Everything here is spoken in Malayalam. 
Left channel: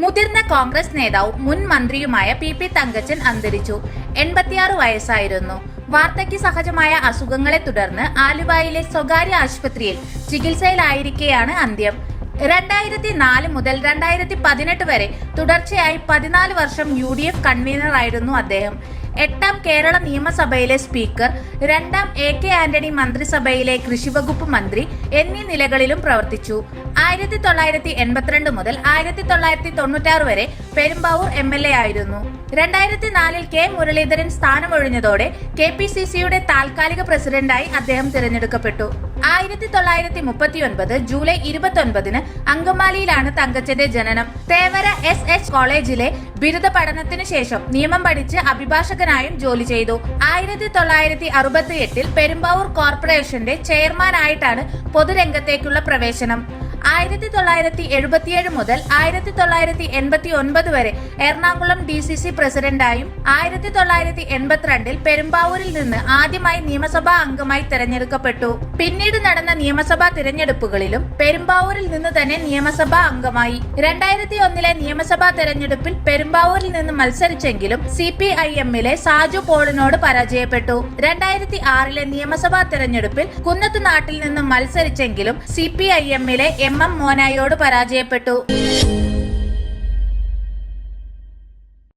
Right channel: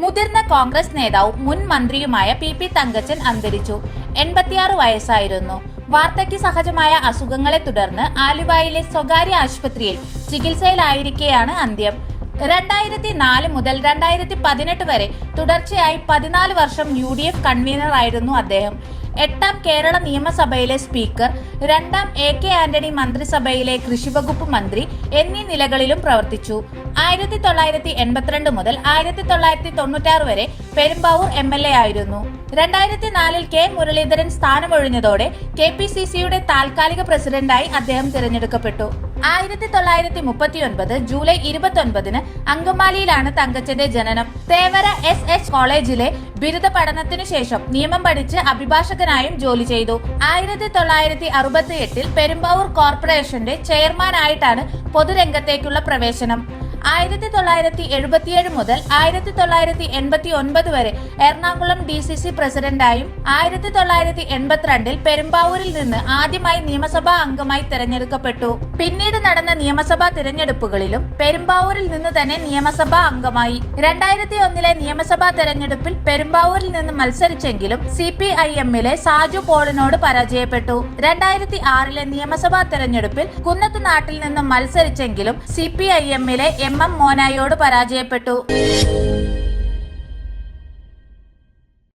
മുതിർന്ന കോൺഗ്രസ് നേതാവും മുൻ മന്ത്രിയുമായ പി പി തങ്കച്ചൻ അന്തരിച്ചു. എൺപത്തിയാറ് വയസ്സായിരുന്നു. വാർദ്ധക്യ സഹജമായ അസുഖങ്ങളെ തുടർന്ന് ആലുവായിലെ സ്വകാര്യ ആശുപത്രിയിൽ ചികിത്സയിലായിരിക്കെയാണ് അന്ത്യം. രണ്ടായിരത്തി നാല് മുതൽ രണ്ടായിരത്തി പതിനെട്ട് വരെ തുടർച്ചയായി പതിനാല് വർഷം യു ഡി എഫ് കൺവീനറായിരുന്നു അദ്ദേഹം. എട്ടാം കേരള നിയമസഭയിലെ സ്പീക്കർ രണ്ടാം എ കെ ആന്റണി മന്ത്രിസഭയിലെ കൃഷിവകുപ്പ് മന്ത്രി എന്നീ നിലകളിലും പ്രവർത്തിച്ചു. ആയിരത്തി തൊള്ളായിരത്തി എൺപത്തിരണ്ട് മുതൽ ആയിരത്തി തൊള്ളായിരത്തി തൊണ്ണൂറ്റാറ് വരെ പെരുമ്പാവൂർ എം എൽ എ ആയിരുന്നു. രണ്ടായിരത്തി നാലിൽ കെ മുരളീധരൻ സ്ഥാനമൊഴിഞ്ഞതോടെ കെ പി സി സിയുടെ താൽക്കാലിക പ്രസിഡന്റായി അദ്ദേഹം തിരഞ്ഞെടുക്കപ്പെട്ടു. ആയിരത്തി തൊള്ളായിരത്തി മുപ്പത്തി ഒൻപത് ജൂലൈ ഇരുപത്തൊൻപതിന് അങ്കമാലിയിലാണ് തങ്കച്ചന്റെ ജനനം. തേവര എസ് എച്ച് കോളേജിലെ ബിരുദ പഠനത്തിനു ശേഷം നിയമം പഠിച്ച് അഭിഭാഷകനായും ജോലി ചെയ്തു. ആയിരത്തി തൊള്ളായിരത്തി അറുപത്തി എട്ടിൽ പെരുമ്പാവൂർ കോർപ്പറേഷന്റെ ചെയർമാനായിട്ടാണ് പൊതുരംഗത്തേക്കുള്ള പ്രവേശനം. ആയിരത്തി തൊള്ളായിരത്തി എഴുപത്തിയേഴ് മുതൽ ആയിരത്തി തൊള്ളായിരത്തി എൺപത്തി ഒൻപത് വരെ എറണാകുളം ഡി സി സി പ്രസിഡന്റായും ആയിരത്തി തൊള്ളായിരത്തി എൺപത്തിരണ്ടിൽ പെരുമ്പാവൂരിൽ നിന്ന് ആദ്യമായി നിയമസഭാ അംഗമായി തെരഞ്ഞെടുക്കപ്പെട്ടു. പിന്നീട് നടന്ന നിയമസഭാ തിരഞ്ഞെടുപ്പുകളിലും പെരുമ്പാവൂരിൽ നിന്ന് തന്നെ നിയമസഭാ അംഗമായി. രണ്ടായിരത്തി ഒന്നിലെ നിയമസഭാ തെരഞ്ഞെടുപ്പിൽ പെരുമ്പാവൂരിൽ നിന്ന് മത്സരിച്ചെങ്കിലും സി പി ഐ എമ്മിലെ സാജു പോളിനോട് പരാജയപ്പെട്ടു. രണ്ടായിരത്തി ആറിലെ നിയമസഭാ തെരഞ്ഞെടുപ്പിൽ കുന്നത്ത് നാട്ടിൽ നിന്ന് മത്സരിച്ചെങ്കിലും സി പി ഐ എമ്മിലെ എം എം മോനായോട് പരാജയപ്പെട്ടു.